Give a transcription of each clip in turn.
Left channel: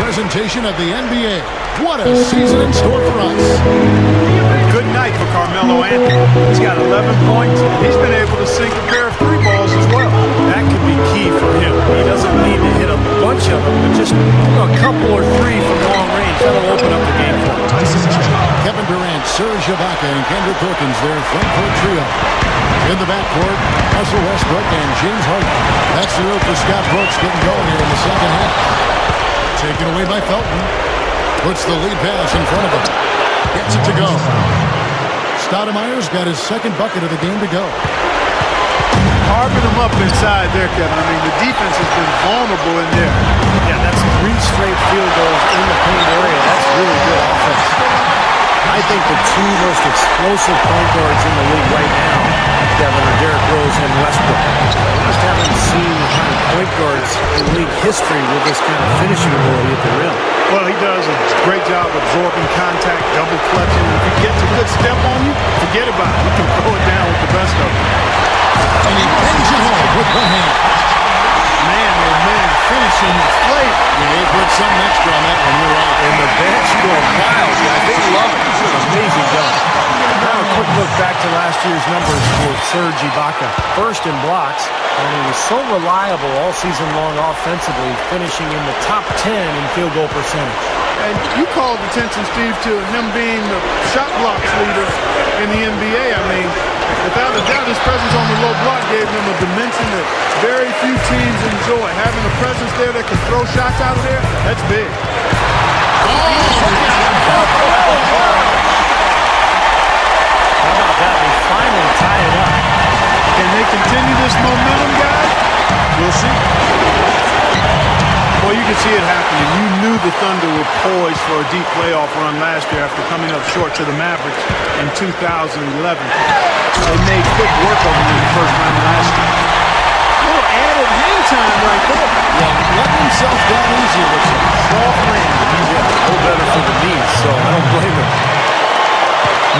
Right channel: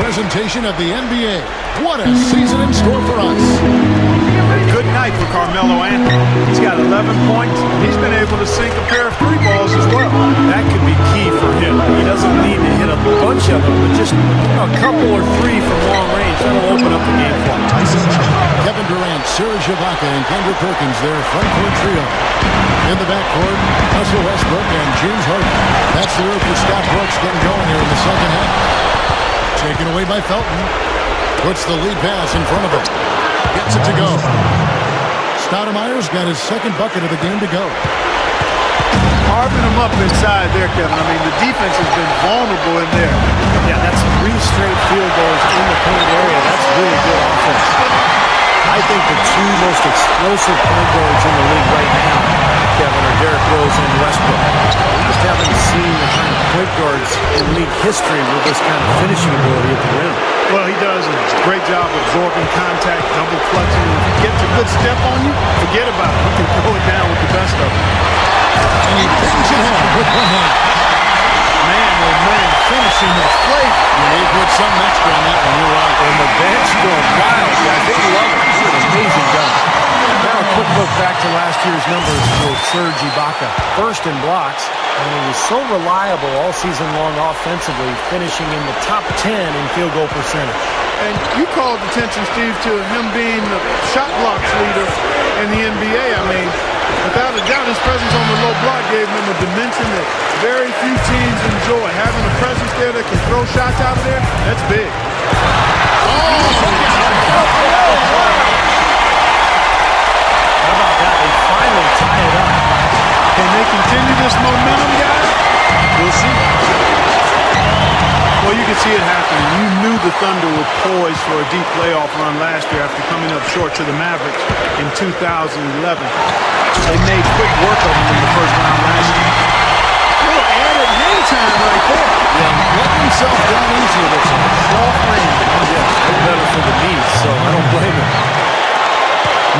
presentation of the NBA. What a season in store for us. A good night for Carmelo Anthony. He's got 11 points. He's been able to sink a pair of 3 balls as well. That could be key for him. He doesn't need to hit a bunch of them, but just a couple or 3 from long range. That'll open up the game for him. Kevin Durant, Serge Ibaka, and Kendrick Perkins, their front court trio. In the backcourt, Russell Westbrook and James Harden. That's the road for Scott Brooks getting going here in the second half. Taken away by Felton. Puts the lead pass in front of him. Gets it to go. Stoudemire's got his second bucket of the game to go. Carving them up inside there, Kevin. I mean, the defense has been vulnerable in there. Yeah, that's 3 straight field goals in the paint area. That's really good offense. I think the 2 most explosive point guards in the league right now, Kevin, are Derrick Rose and Westbrook. We just haven't seen the kind of point guards in league history with this kind of finishing ability at the rim. Well, he does a great job absorbing contact, double clutching, and if he gets a good step on you, forget about it. He can throw it down with the best of them. And he brings it home with one hand. Man, oh man, finishing with flavor. Yeah, he put something extra on that one, you're right. And the bench going wild, guys. They love it. It's an amazing dunk. Now a quick look back to last year's numbers for Serge Ibaka. First in blocks, and he was so reliable all season long offensively, finishing in the top 10 in field goal percentage. And you called attention, Steve, to him being the shot blocks leader in the NBA. I mean, without a doubt, his presence on the low block gave them a dimension that very few teams enjoy. Having a presence there that can throw shots out of there, that's big. How about that? They finally tie it up. Can they continue this momentum, guys? We'll see. Well, you can see it happening. You knew the Thunder were poised for a deep playoff run last year after coming up short to the Mavericks in 2011. They made quick work of them in the first round last year. A little added hang time right there. Yeah, letting himself down easy, it looks like. Soft landing. Yeah, a little better for the knees, so I don't blame him.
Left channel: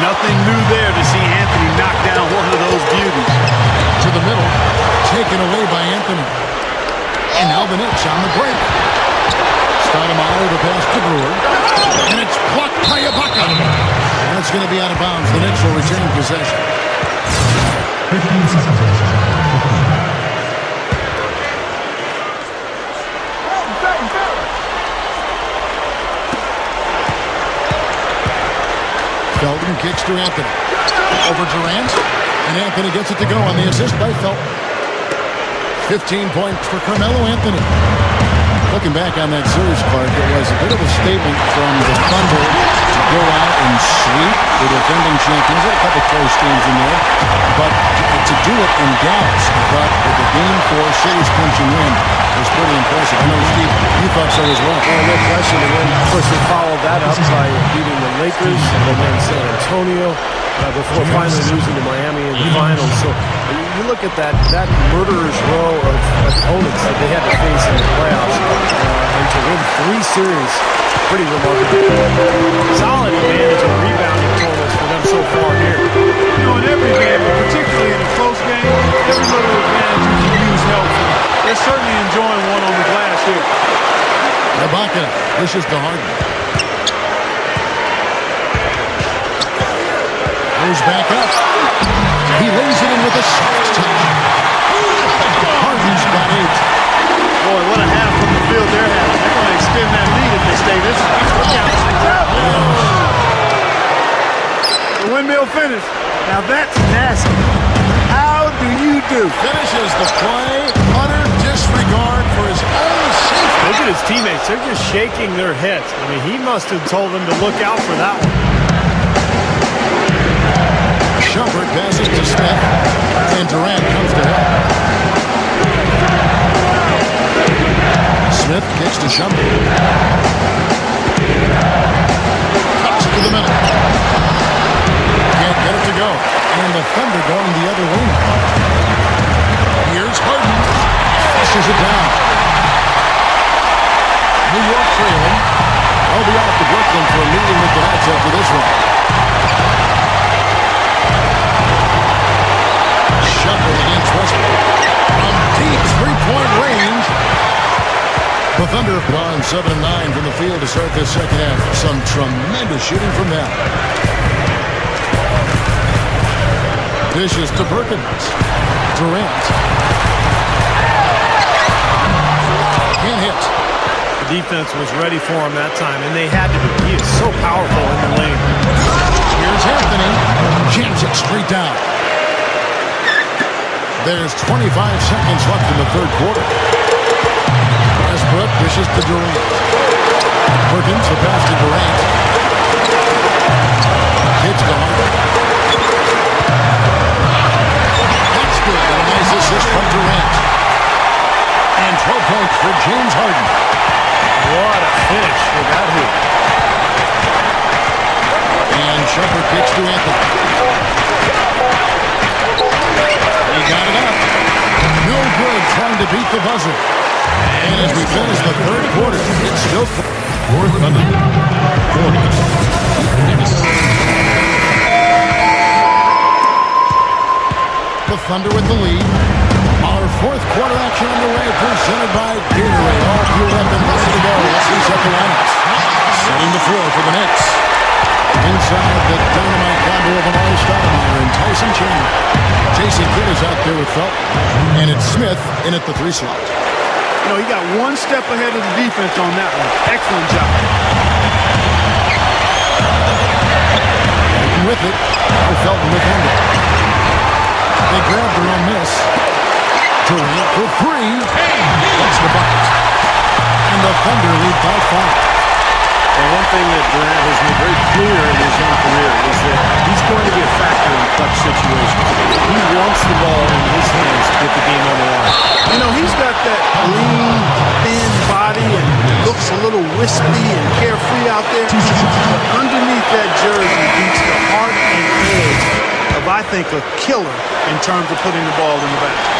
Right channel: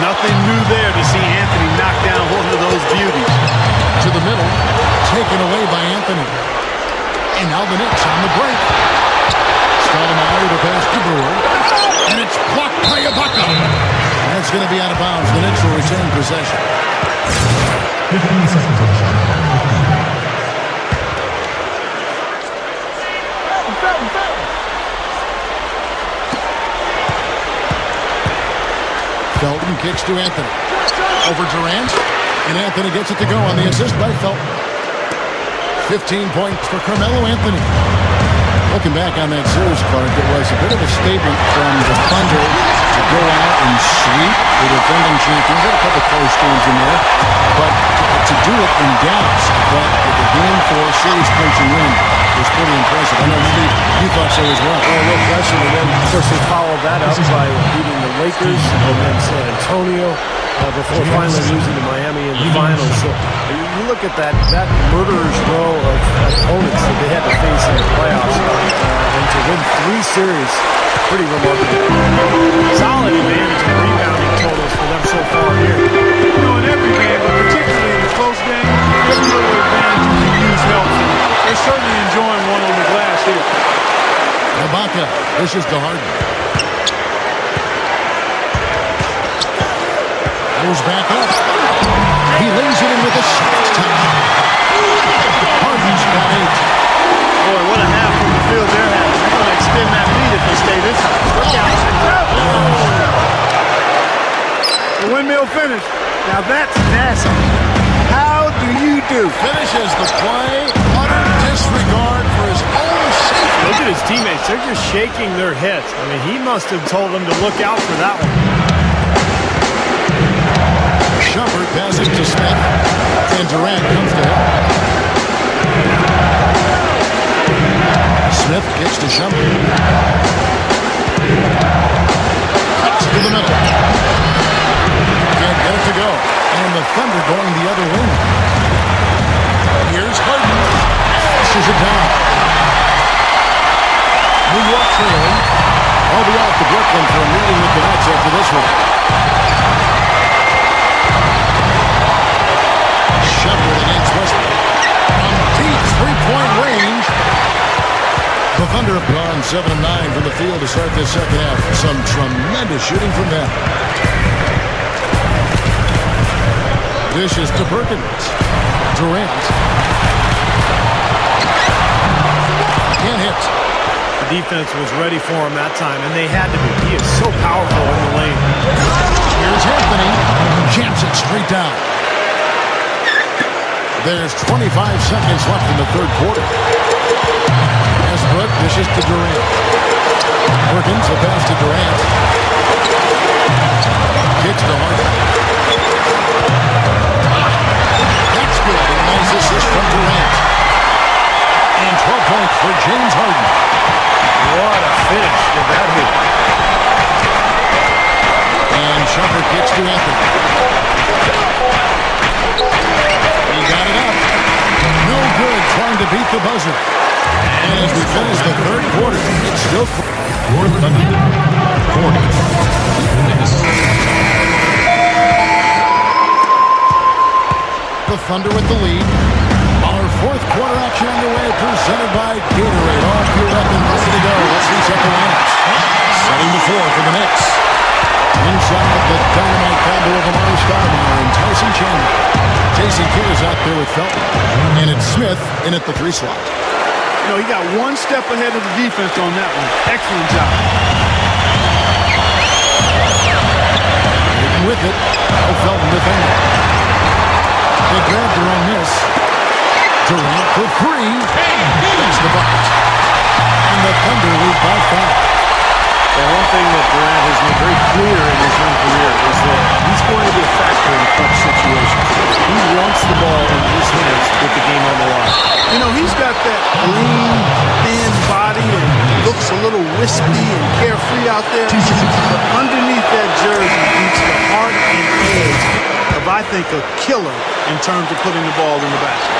Nothing new there to see Anthony knock down one of those beauties. To the middle, taken away by Anthony. And now the Knicks on the break. Stoudemire the pass to Brewer. And it's blocked by Ibaka. That's going to be out of bounds. The Knicks will retain possession. 15 seconds on the shot clock. 15. Felton kicks to Anthony. Over Durant. And Anthony gets it to go on the assist by Felton. 15 points for Carmelo Anthony. Looking back on that series, Clark, it was a bit of a statement from the Thunder to go out and sweep the defending champions. Had a couple close games in there, but to do it in Dallas, I thought with a Game 4 series clinching win was pretty impressive. I know, Steve, you thought so as well. Oh, no question. And then, of course, they followed that up by beating the Lakers and then San Antonio before finally losing to Miami in the finals. So you look at that murderer's row of opponents that they had to face in the playoffs, and to win 3 series, pretty remarkable. Solid advantage in rebounding totals for them so far here. You know, in every game, but particularly in a close game, every little advantage you can use helps. And they're certainly enjoying one on the glass here. Ibaka, this is to Harden. Goes back up. He lays it in with a soft touch. Harden's got 8. Boy, what a half from the field they're having. They're going to extend that lead if they stay this high. Look out. The windmill finish. Now that's nasty. How do you do? Finishes the play. Utter disregard for his own safety. Look at his teammates. They're just shaking their heads. I mean, he must have told them to look out for that one. Shumpert passes to Smith, and Durant comes to help. Smith kicks to Shumpert. Cuts to the middle. Can't get it to go. And the Thunder going the other way now. Here's Harden. Pushes it down. New York trailing. They'll be off to Brooklyn for a meeting with the Nets after this one. Shumpert against Westbrook. From deep three-point range. The Thunder have gone 7 of 9 from the field to start this second half. Some tremendous shooting from them. Dishes to Perkins. Durant. Can't hit. The defense was ready for him that time, and they had to be. He is so powerful in the lane. Here's Anthony. Jams it straight down. There's 25 seconds left in the third quarter. Westbrook dishes to Durant. Perkins, the pass to Durant. Kicks to Harden. That's good. A nice assist from Durant. And 12 points for James Harden. What a finish with that hoop. And Shumpert kicks to Anthony. He got it up. No good trying to beat the buzzer. And as we finish the third quarter, it's still... Fourth Thunder, 40. Knicks. The Thunder with the lead. Our fourth quarter action underway, presented by Gatorade. All fueled up and ready to go. Let's reset the lineups. Setting the floor for the Knicks. Inside the dynamite combo of Amari Stoudemire and Tyson Chandler. Jason Kidd is out there with Felton. And it's Smith in at the 3 slot. You know, he got one step ahead of the defense on that one. Excellent job. With it. Now Felton defending. They grabbed their own miss. Durant for 3. That's the bucket. And the Thunder lead by 5. And one thing that Durant has made very clear in his young career is that he's going to be a factor in clutch situations. He wants the ball in his hands with the game on the line. You know, he's got that lean, thin body and looks a little wispy and carefree out there. But underneath that jersey beats the heart and edge of, I think, a killer in terms of putting the ball in the basket.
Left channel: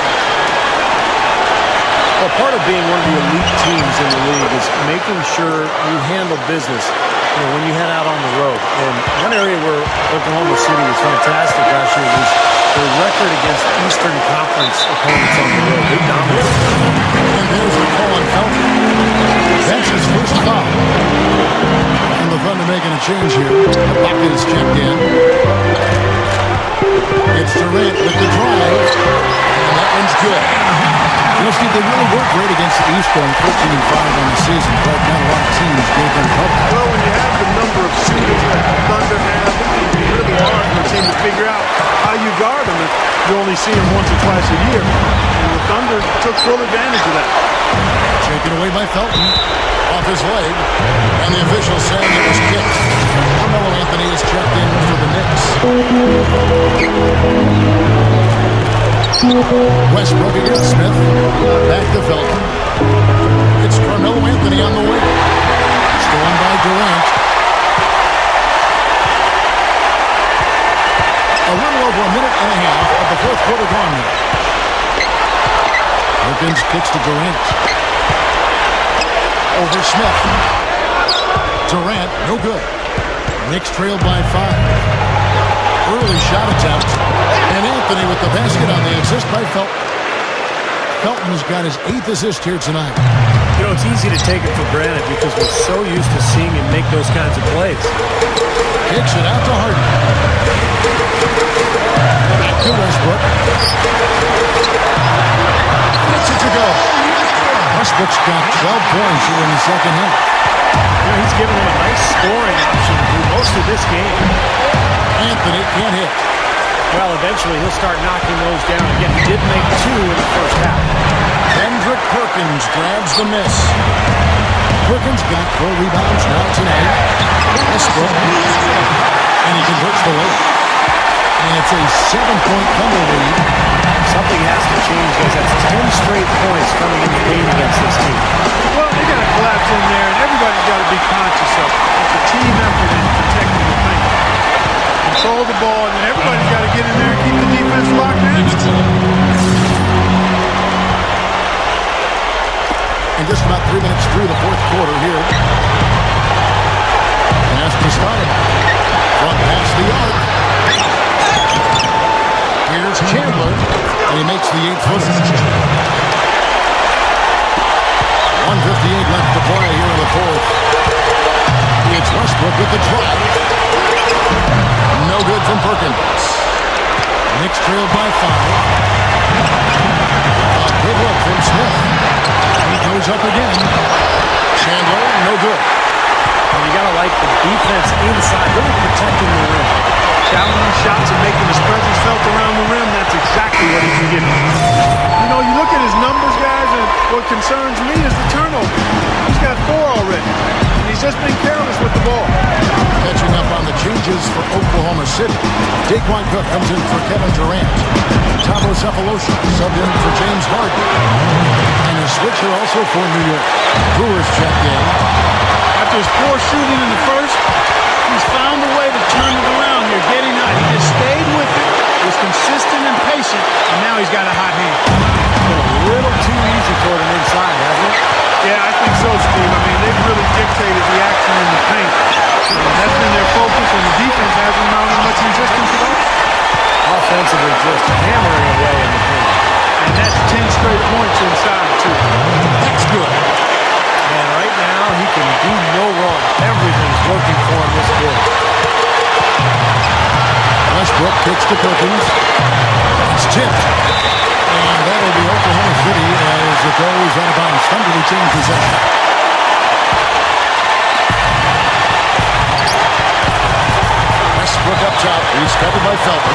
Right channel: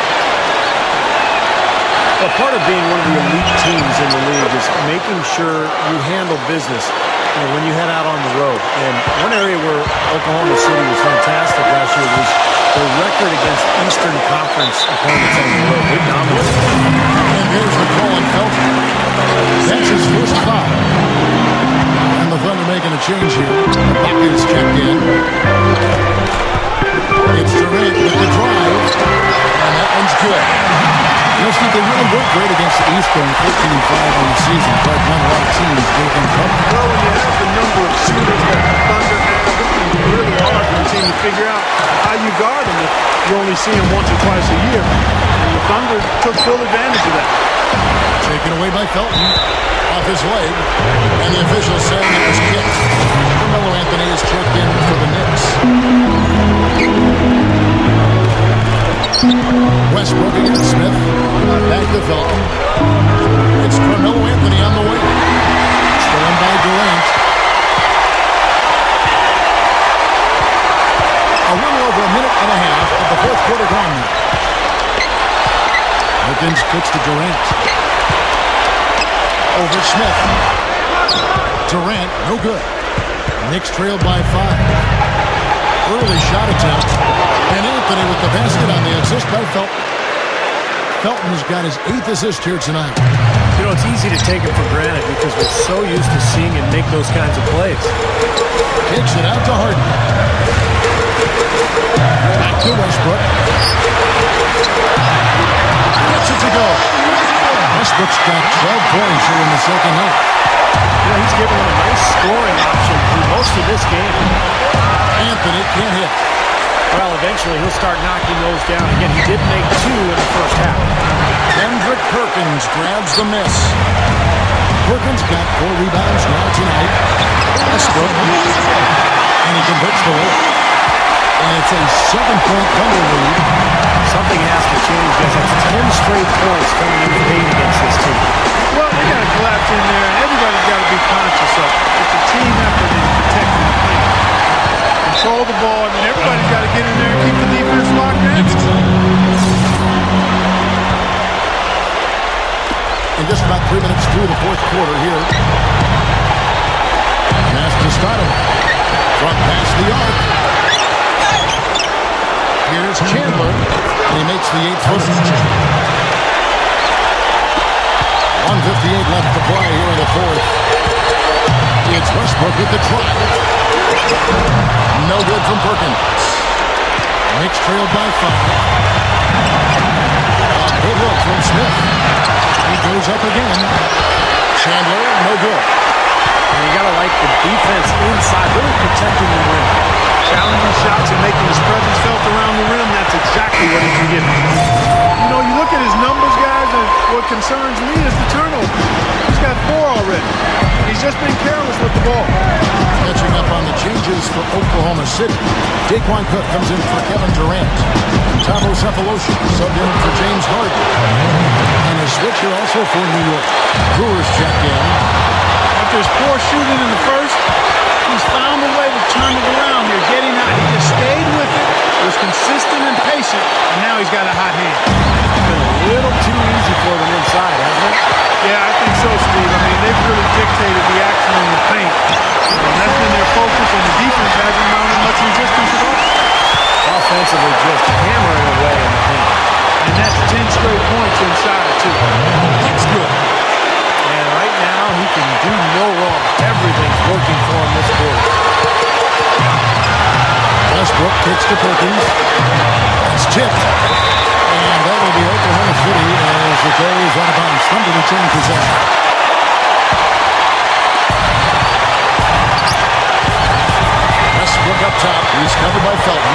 Well, part of being one of the elite teams in the league is making sure you handle business, you know, when you head out on the road. And one area where Oklahoma City was fantastic last year was their record against Eastern Conference opponents on the road. They dominated. And there's the call on Felton. That's his first foul. And the Thunder making a change here. Ibaka is checked in. It's Durant with the drive. And that one's good. You know, Steve, they really worked great against the East, going 14-5 on the season, but not a lot of teams gave them trouble. Well, when you have the number of shooters that the Thunder have, it can be really hard for a team to figure out how you guard them if you only see them once or twice a year. And the Thunder took full advantage of that. Taken away by Felton, off his leg, and the official saying it was kicked. Carmelo Anthony is checked in for the Knicks. Westbrook against Smith. Back to Felton. It's Carmelo Anthony on the wing. Stolen by Durant. A little over a minute and a half of the fourth quarter gone now. Perkins kicks to Durant. Over Smith. Durant, no good. Knicks trailed by 5. Early shot attempt. And Anthony with the basket on the assist by Felton. Felton's got his 8th assist here tonight. You know, it's easy to take him for granted because we're so used to seeing him make those kinds of plays. Kicks it out to Harden. Back to Westbrook. Gets it to go. Westbrook's got 12 points here in the second half. You know, he's giving them a nice scoring option through most of this game. Anthony can't hit. Well, eventually he'll start knocking those down. Again, he did make 2 in the first half. Kendrick Perkins grabs the miss. Perkins got 4 rebounds now tonight. Westbrook. And he converts the layup. And it's a 7-point Thunder lead. Something has to change, guys. That's 10 straight points coming in the paint against this team. Well, they got to collapse in there, and everybody's got to be conscious of it. It's a team effort in protecting the paint. Control the ball, and then everybody's got to get in there and keep the defense locked down. And just about 3 minutes through the fourth quarter here. Pass to Stoudemire. Front past the arc. Here's Chandler, and he makes the 8th footer. 1:58 left to play here in the fourth. It's Westbrook with the drive. No good from Perkins. Knicks trailed by 5. A good look from Smith. He goes up again. Chandler, no good. And you got to like the defense inside, really protecting the rim. Challenging shots and making his presence felt around the rim. That's exactly what he can give you. You know, you look at his numbers, guys, and what concerns me is the turnover. He's got 4 already. And he's just been careless with the ball. Catching up on the changes for Oklahoma City. Daquan Cook comes in for Kevin Durant. Tavo Cephalosha subbed in for James Harden. And a switch here also for New York. Brewers checked in. After his poor shooting in the first, he's found a way to turn it around here, getting hot. He just stayed with it, was consistent and patient, and now he's got a hot hand. It's been a little too easy for them inside, hasn't it? Yeah, I think so, Steve. I mean, they've really dictated the action in the paint. That's been their focus, and the defense hasn't mounted much resistance at all. Offensively, just hammering away in the paint. And that's 10 straight points inside, too. That's good. And right now, he can do no wrong. Everything's working for him this quarter. Westbrook kicks to Perkins. It's tipped. And that'll be Oklahoma City as it goes out of bounds. Thunder retain possession. Westbrook up top. He's covered by Felton.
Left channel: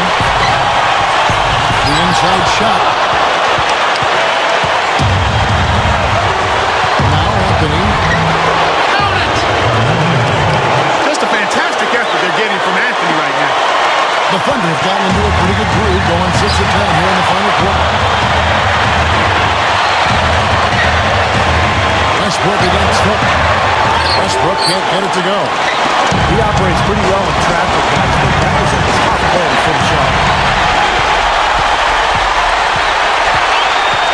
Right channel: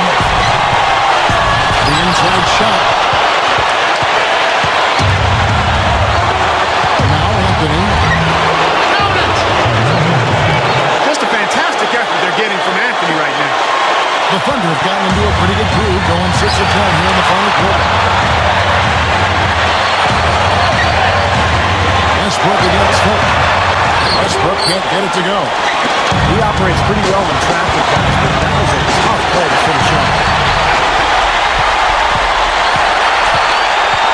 The inside shot. Now Anthony. Count it! Just a fantastic effort they're getting from Anthony right now. The Thunder have gotten into a pretty good groove, going 6 of 10 here in the final quarter. Westbrook against Felton. Westbrook can't get it to go. He operates pretty well in traffic, guys, but that was a tough play to finish off.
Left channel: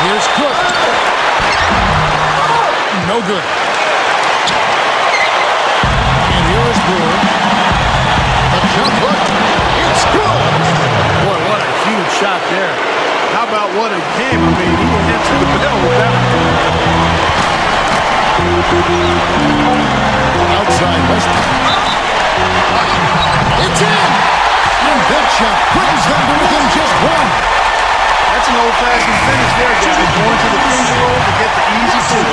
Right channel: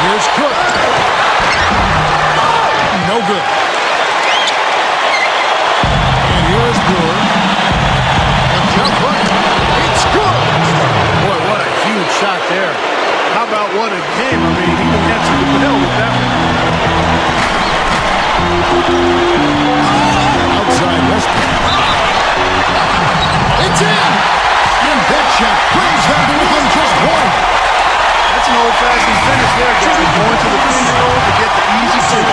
Here's Cook. No good. And here is Brewer. The jump hook. It's good. Boy, what a huge shot there. How about what a game? I mean, he answered the bell with that one. Outside Westbrook. It's in. And that shot brings them to within just 1. That's an old-fashioned finish there, guys. Going to the finger roll to get the easy two.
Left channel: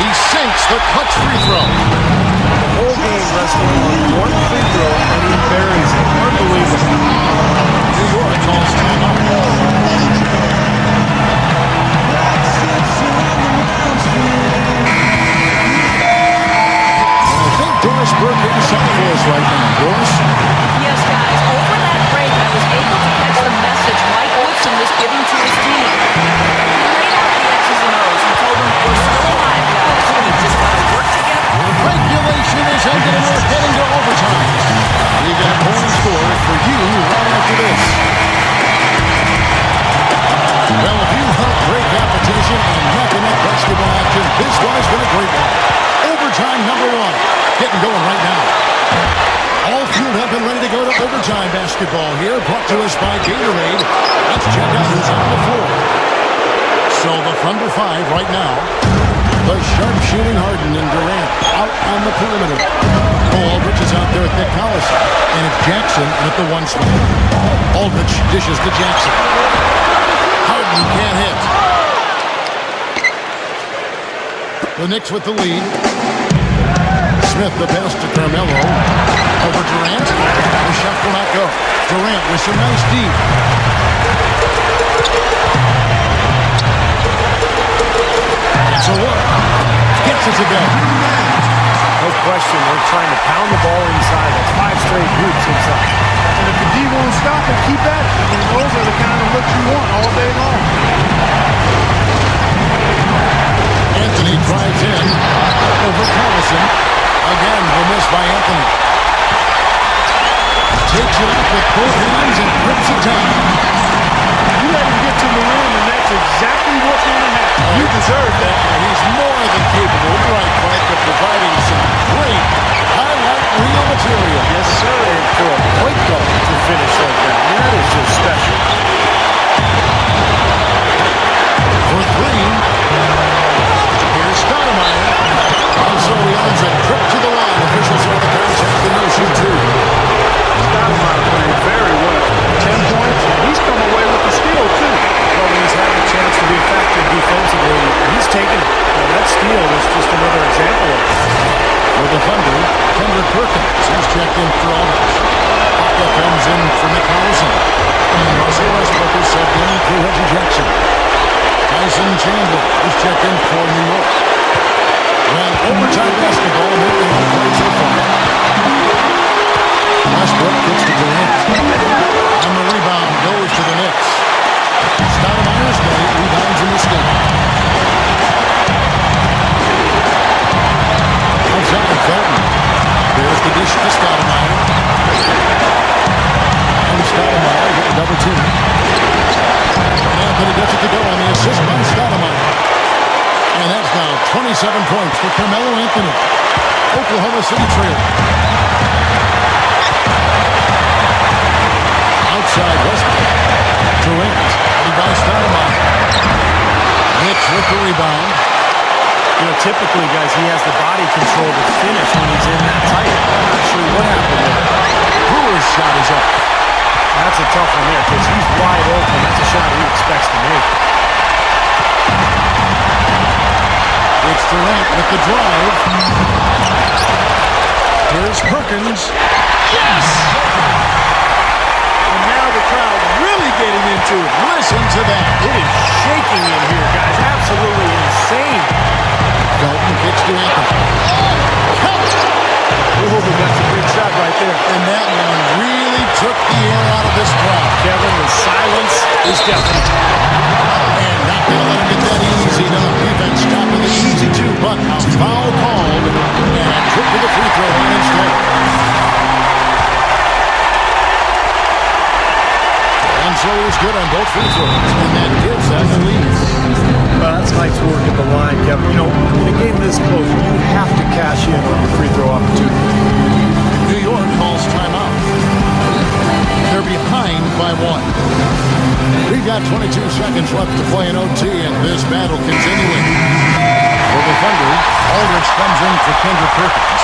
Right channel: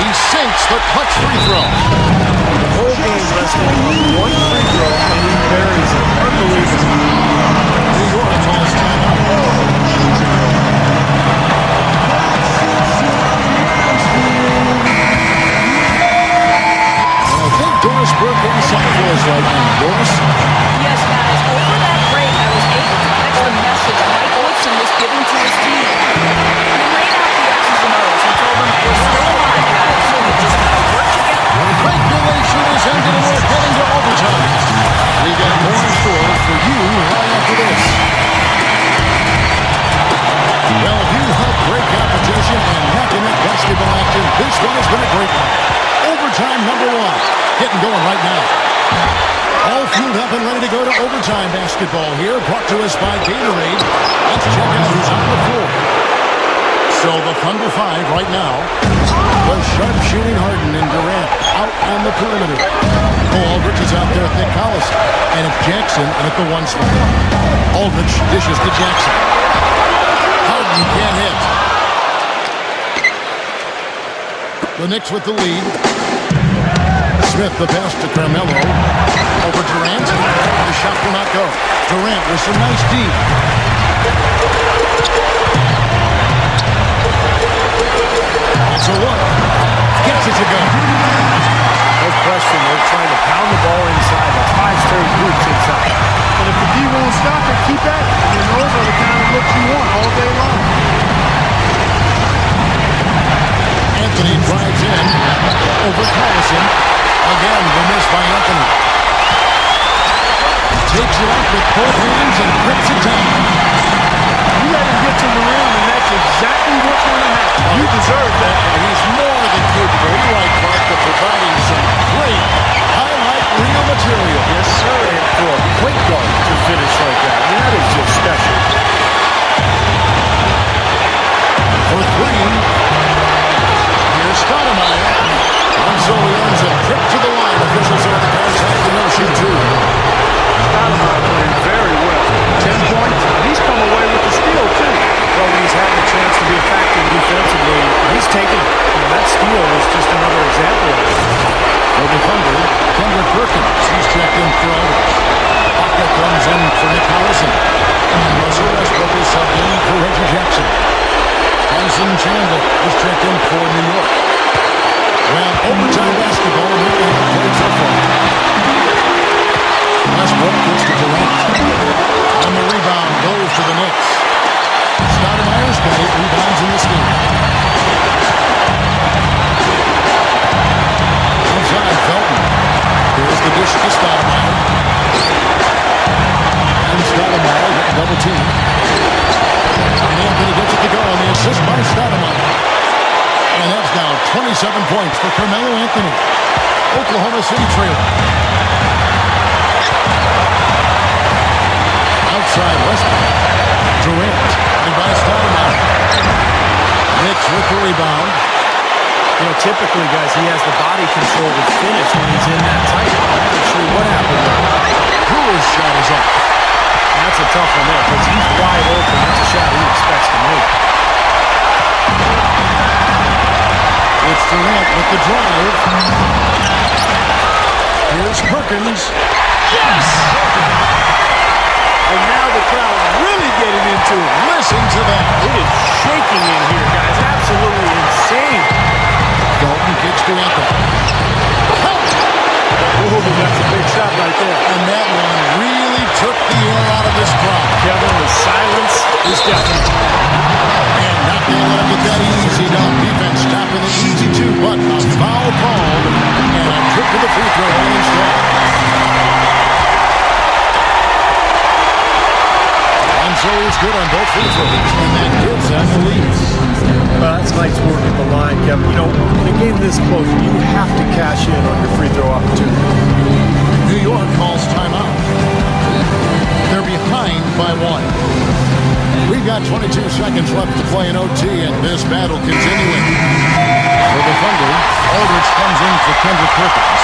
He sinks the clutch free throw. The whole game resting on one free throw, and he buries it. Unbelievable. New York calls timeout. I think Doris Burke has something for us right now. Doris? Yes, guys. Over that break, I was able to catch the message Mike Woodson was giving to his team. He laid out the X's and O's. He told them, we're still alive, guys. We've just got to work together. Regulation is ended and we're heading to overtime. We got more in store for you right after this. Well, if you love great competition and neck-and-neck basketball action, this one has been a great one. Overtime number 1. Getting going right now. All fueled up and ready to go to overtime basketball here. Brought to us by Gatorade. Let's check out who's on the floor. So the Thunder 5 right now. The sharp-shooting Harden and Durant out on the perimeter. Cole Aldrich is out there with Nick Collison. And it's Jackson in at the 1 spot. Aldrich dishes to Jackson. Harden can't hit. The Knicks with the lead. Smith the pass to Carmelo. Over Durant. The shot will not go. Durant with some nice D. It's a look. Gets it to go. No question, they're trying to pound the ball inside. That's 5 straight hoops inside. And if the D won't stop it, keep at it. I mean, those are the kind of looks you want all day long. Anthony drives in. Over Collison. Again, the miss by Anthony. Takes it up with both hands and grips it down. You let him get to the rim, and that's exactly what's going to happen. You deserve that. He's more than capable, you're right, Clark, of providing some great highlight reel material. Yes, sir. And for a point guard to finish like that, I mean, that is just special. for three. Here's Stoudemire. And so he earns a trip to the line. Officials are the contact and no shoot two. Stoudemire playing very well. 10 points. He's come away with the steal, too. Well, when he's had the chance to be a factor defensively, he's taken it. That steal was just another example of it. For the Thunder, Kendrick Perkins. He's checked in for Aldridge. Baca comes in for Nick Collison. And Russell Westbrook is subbed in for Reggie Jackson. Tyson Chandler is checked in for New York. Well, overtime basketball, a minute and a half played so far. Westbrook gets to Durant. And the rebound goes to the Knicks. Stoudemire's got 8 rebounds in this game. Outside, Felton. There's the dish to Stoudemire. And Stoudemire getting double teamed. And Anthony gets it to go on the assist by Stoudemire. And that's now 27 points for Carmelo Anthony. Oklahoma City trailing. Outside Westbrook. Durant. Headed by Stoudemire. Knicks with the rebound. Typically, guys, he has the body control to finish when he's in that tight. I'm not sure what happened there. Brewer's shot is off. That's a tough one there because he's wide open. That's a shot he expects to make. It's Durant with the drive. Here's Perkins. Yes! And now the crowd really getting into it. Listen to that. It is shaking in here, guys. Absolutely insane. Felton kicks to Anthony. Count! Oh, that's a big shot right there. And that one really took the air out of this crowd. Kevin, the silence is deafening. And not going to let him get that easy dunk. Defense stopping the easy two, but a foul called. And a trip to the free throw line instead. And so he's good on both free throws. And that gives them the lead. That's nice work at the line, Kevin. In a game this close, you have to cash in on your free throw opportunity. New York calls timeout. They're behind by 1. We've got 22 seconds left to play in OT, and this battle continuing. For the Thunder, Aldridge comes in for Kendrick Perkins.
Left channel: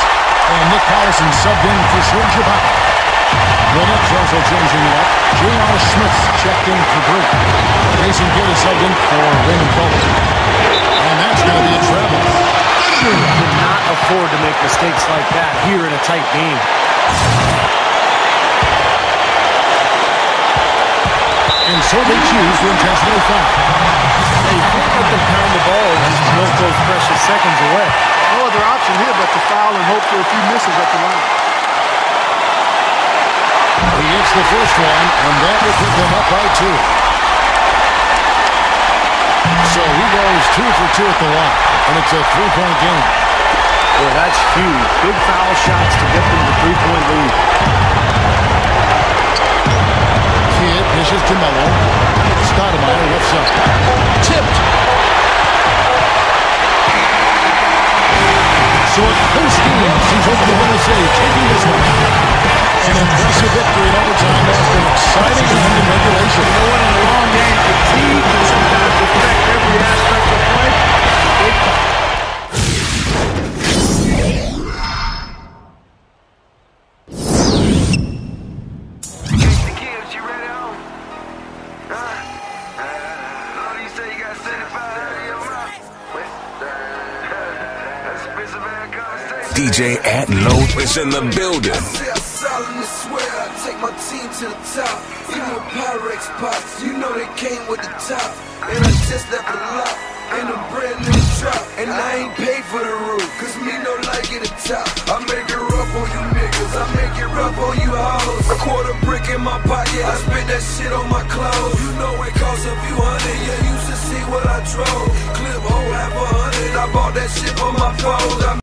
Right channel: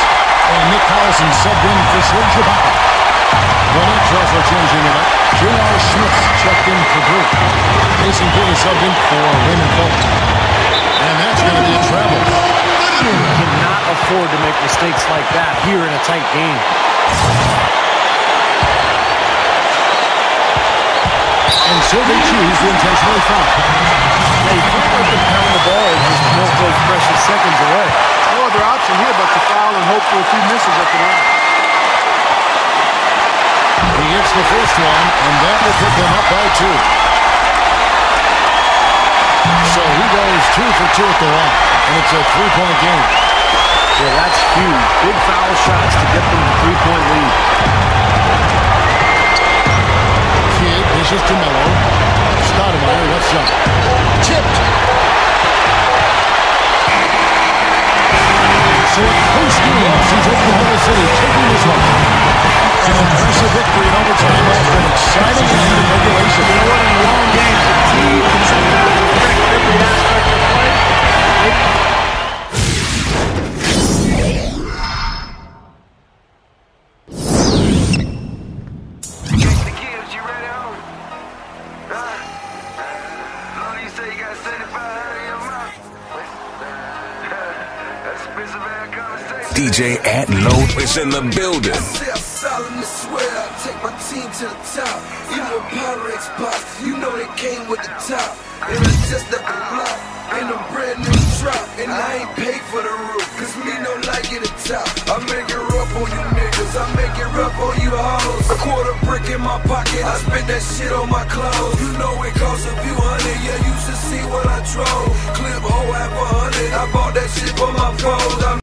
And Nick Collison subbed in for Serge Ibaka. The Knicks also changing it up. J.R. Smith's checked in for Brew. Jason Kidd is subbed in for Raymond Felton. And that's going to be a travel. Cannot afford to make mistakes like that here in a tight game. And so they choose to intentionally foul. Yeah, you can't let them pound the ball and just milk those precious seconds away. No other option here but to foul and hope for a few misses at the line. He hits the first one, and that will put them up by 2. So he goes 2 for 2 at the line, and it's a 3-point game. Boy, that's huge. Big foul shots to get them the 3-point lead. Kidd dishes to Melo. Stoudemire left side. Tipped. So a close game sees Oklahoma City taking this one. An impressive victory in overtime after an exciting end in regulation. You know what? In a long game, fatigue can sometimes affect every aspect of play. DJ Atlow is in the building. Take my team to the top. Even with Pyrex pots, you know they came with the top. And I just left the lot in a brand new drop. And I ain't paid for the roof, cause me no like it at top. I make it rough on you niggas, I make it rough on you hoes. A quarter brick in my pocket, I spend that shit on my clothes. You know it costs a few hundred, yeah, you should see what I drove. Clip hole half 100, I bought that shit for my foes.